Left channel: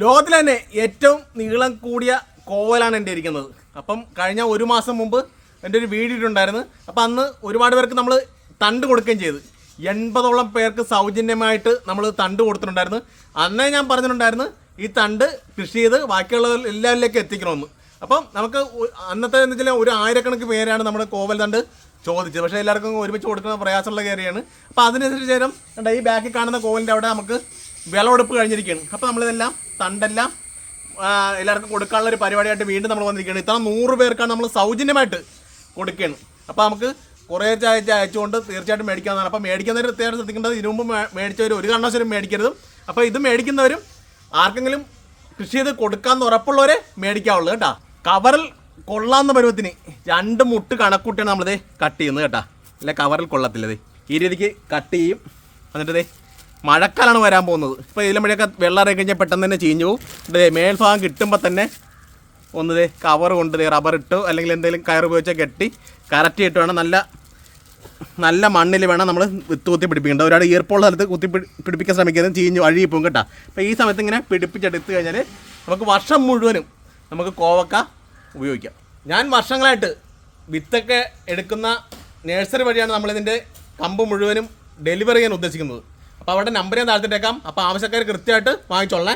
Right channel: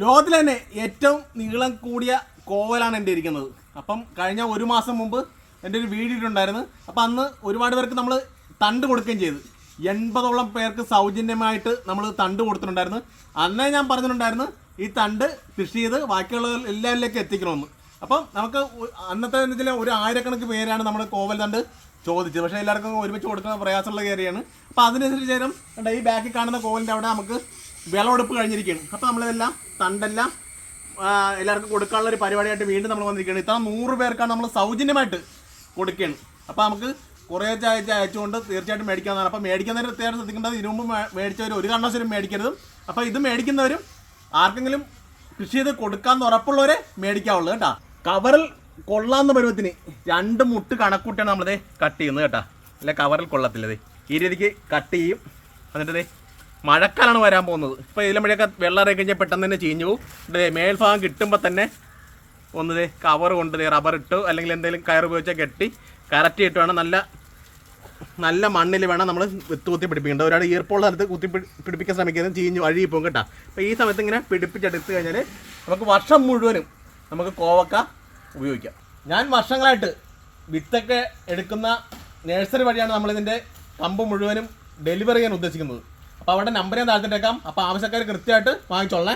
ലോകത്തിൽ തന്നെ ഏറ്റവും നീളം കൂടിയ കോവലാണ് എന്റെ ഇരിക്കുന്നത്. അപ്പം കഴിഞ്ഞ ഒരു മാസം മുമ്പ് എന്റെ ഒരു വീഡിയോ ഇട്ടുണ്ടായിരുന്നു അപ്പം അന്ന് ഒരുപാട് പേർക്ക് നമ്മൾ തണ്ട് കൊടുക്കുകയും ചെയ്തു. എൺപതോളം പേർക്ക് സൗജന്യമായിട്ട് നമ്മൾ തണ്ട് കൊടുത്തിട്ടുണ്ടായിരുന്നു. അന്നേ ഞാൻ പറഞ്ഞിട്ടുണ്ടായിരുന്നു ഈ തണ്ട് കൃഷി ചെയ്ത് ബാക്കിയുള്ള എല്ലാവരിലേക്ക് എത്തിക്കണമെന്ന്. അപ്പം നമുക്ക് അന്നത്തെ എന്ന് വെച്ചാൽ ഒരു ആയിരക്കണക്കിന് പേരാണ് നമ്മുടെ കോവൽ തണ്ട് ചോദിച്ചത്. പക്ഷേ എല്ലാവർക്കും ഒരുമിച്ച് കൊടുക്കുന്ന പ്രയാസമുള്ള കയറിയാണ് അപ്പോൾ അതിനനുസരിച്ച് ചേരും ഈ ബാക്കിൽ കാണുന്ന കോവലിന്റെ അവിടെ നമുക്ക് വിളവെടുപ്പ് കഴിഞ്ഞിരിക്കുകയാണ്. അപ്പോൾ നമ്മളിതെല്ലാം തണ്ടെല്ലാം എല്ലാവർക്കും കൊടുക്കാനുള്ള ഒരു പരിപാടിയായിട്ട് വീണ്ടും നമ്മൾ വന്നിരിക്കുകയാണ്. ഇത്ര നൂറ് പേർക്കാണ് നമ്മൾ സൗജന്യമായിട്ട് കൊടുക്കുകയാണ്. അപ്പോൾ നമുക്ക് കുറേ അയച്ച് അയച്ചുകൊണ്ട് തീർച്ചയായിട്ടും മേടിക്കാവുന്നതാണ്. അപ്പോൾ മേടിക്കുന്നവർ പ്രത്യേകം ശ്രദ്ധിക്കേണ്ടത് ഇതിനു മുമ്പ് മേ- മേടിച്ചവർ ഒരു കാരണവശാലും മേടിക്കരുതും. അപ്പോൾ ഇത് മേടിക്കുന്നവരും ആർക്കെങ്കിലും കൃഷി ചെയ്ത് കൊടുക്കാമെന്ന് ഉറപ്പുള്ളവരെ മേടിക്കാവുള്ളൂ കേട്ടോ. കവറിൽ കൊള്ളാവുന്ന പരുവത്തിന് രണ്ട് മുട്ട് കണക്കൂട്ടിയാണ് നമ്മളിത് കട്ട് ചെയ്യുന്നത് കേട്ടോ. അല്ല കവറിൽ കൊള്ളത്തില്ലത് ഈ രീതിക്ക് കട്ട് ചെയ്യും. എന്നിട്ട് മഴക്കാലാണ് വരാൻ പോകുന്നത്. ഇപ്പോൾ ഇതിലെ മഴയൊക്കെ വെള്ളം കഴിഞ്ഞാൽ പെട്ടെന്ന് തന്നെ ചീഞ്ഞു പോകും. ഇതേ മേൽഭാഗം കിട്ടുമ്പോൾ തന്നെ ഒന്നത് കവർ കൊണ്ട് റബ്ബർ ഇട്ടു അല്ലെങ്കിൽ എന്തെങ്കിലും കയർ ഉപയോഗിച്ച് കെട്ടി കറക്റ്റ് ഇട്ട് വേണം നല്ല നല്ല മണ്ണിൽ വേണം നമ്മൾ വിത്ത് കുത്തി പിടിപ്പിക്കേണ്ടത്. ഒരാൾ ഈർപ്പുള്ള സ്ഥലത്ത് കുത്തി പിടി- പിടിപ്പിക്കാൻ ശ്രമിക്കുന്നത് ചീഞ്ഞു അഴുകി പോകും കേട്ടോ. അപ്പോൾ ഈ സമയത്ത് ഇങ്ങനെ പിടിപ്പിച്ചെടുത്ത് കഴിഞ്ഞാൽ നമുക്ക് വർഷം മുഴുവനും നമുക്ക് കോവക്ക ഉപയോഗിക്കാം. ഞാൻ വർഷങ്ങളായിട്ട് വിത്തൊക്കെ എടുക്കുന്ന നഴ്സറി വഴിയാണ് നമ്മളിതിന്റെ കമ്പ് മുഴുവനും ഡെലിവറി ചെയ്യാൻ ഉദ്ദേശിക്കുന്നത്. അപ്പോൾ അവിടെ നമ്പർ ഞാൻ താഴ്ത്തിട്ടേക്കാം. അപ്പോൾ ആവശ്യക്കാർ കൃത്യമായിട്ട് വാങ്ങിച്ചോളണേ.